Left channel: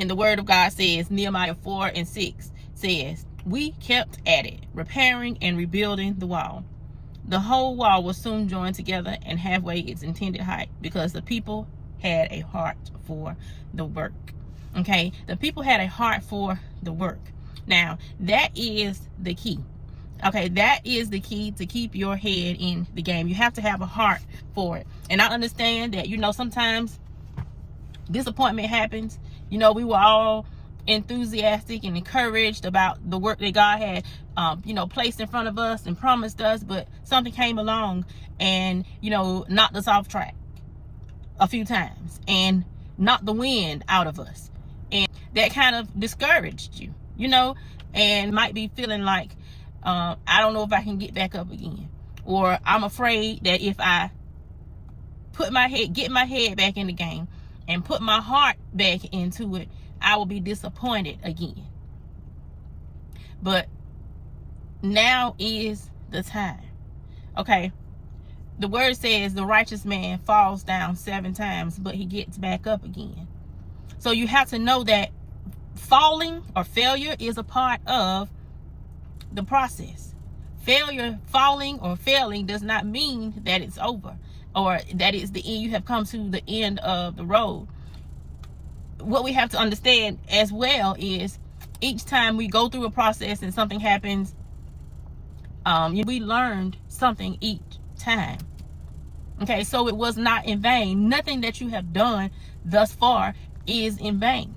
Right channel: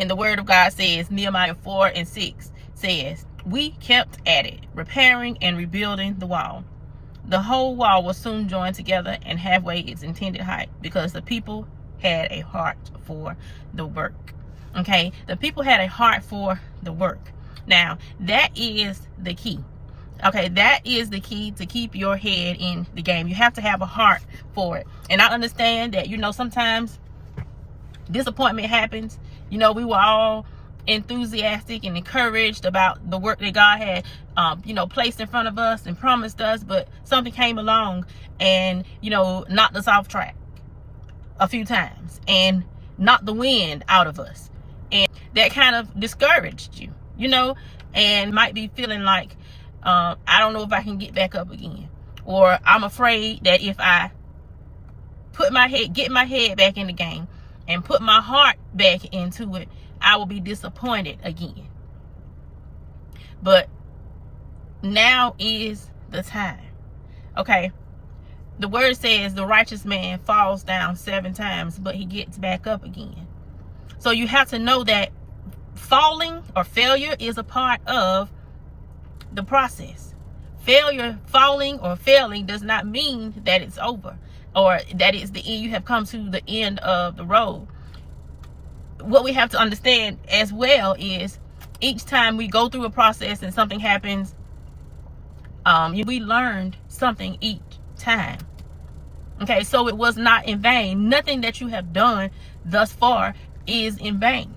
And the word of God says, Nehemiah 4:6 says, we kept at it, repairing and rebuilding the wall. The whole wall was soon joined together and halfway its intended height, because the people had a heart for the work. Okay, the people had a heart for the work. Now, that is the key. Okay, that is the key to keep your head in the game. You have to have a heart for it. And I understand that, sometimes disappointment happens. We were all enthusiastic and encouraged about the work that God had, placed in front of us and promised us, but something came along and, knocked us off track a few times and knocked the wind out of us. And that kind of discouraged you, and might be feeling like, I don't know if I can get back up again. Or I'm afraid that if I get my head back in the game and put my heart back into it, I will be disappointed again. But now is the time. Okay. The word says the righteous man falls down 7 times, but he gets back up again. So you have to know that falling or failure is a part of the process. Falling or failing does not mean that it's over or that it's the end. You have come to the end of the road. What we have to understand as well is each time we go through a process and something happens, we learned something each time. Okay, so it was not in vain. Nothing that you have done thus far is in vain.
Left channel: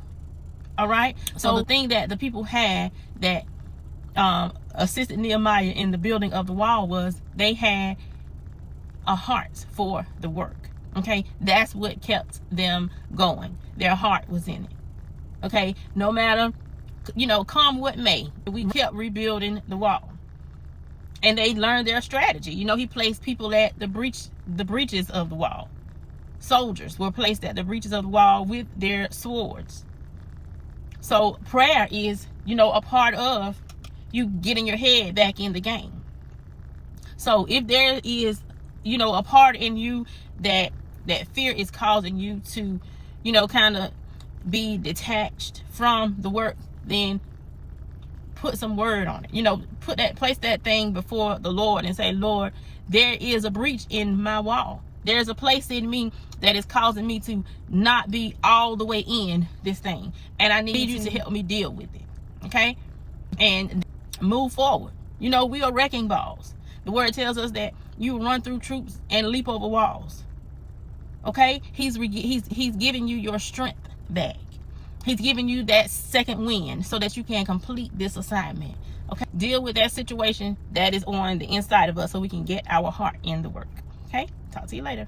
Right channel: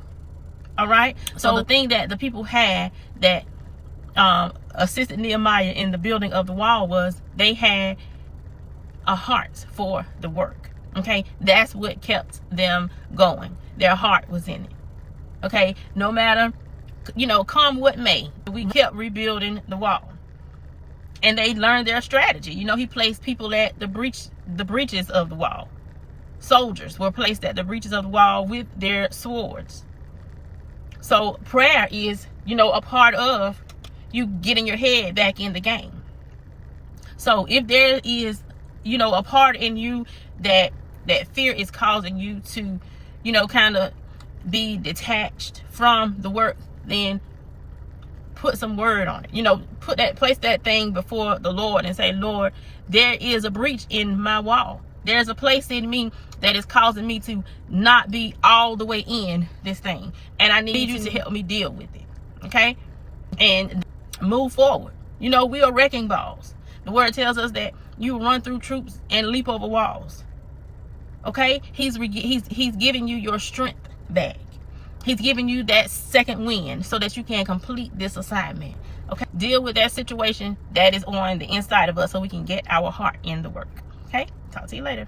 All right. So the thing that the people had that assisted Nehemiah in the building of the wall was they had a heart for the work. Okay, that's what kept them going. Their heart was in it. Okay, no matter, come what may, we kept rebuilding the wall. And they learned their strategy. He placed people at the breaches of the wall. Soldiers were placed at the breaches of the wall with their swords. So prayer is, a part of you getting your head back in the game. So if there is, a part in you that fear is causing you to, kind of be detached from the work, then put some word on it. Place that thing before the Lord and say, Lord, there is a breach in my wall. There's a place in me that is causing me to not be all the way in this thing. And I need you to help me deal with it. Okay? And move forward. We are wrecking balls. The word tells us that you run through troops and leap over walls. Okay? He's giving you your strength back. He's giving you that second wind so that you can complete this assignment. Okay? Deal with that situation that is on the inside of us so we can get our heart in the work. Okay? Talk to you later.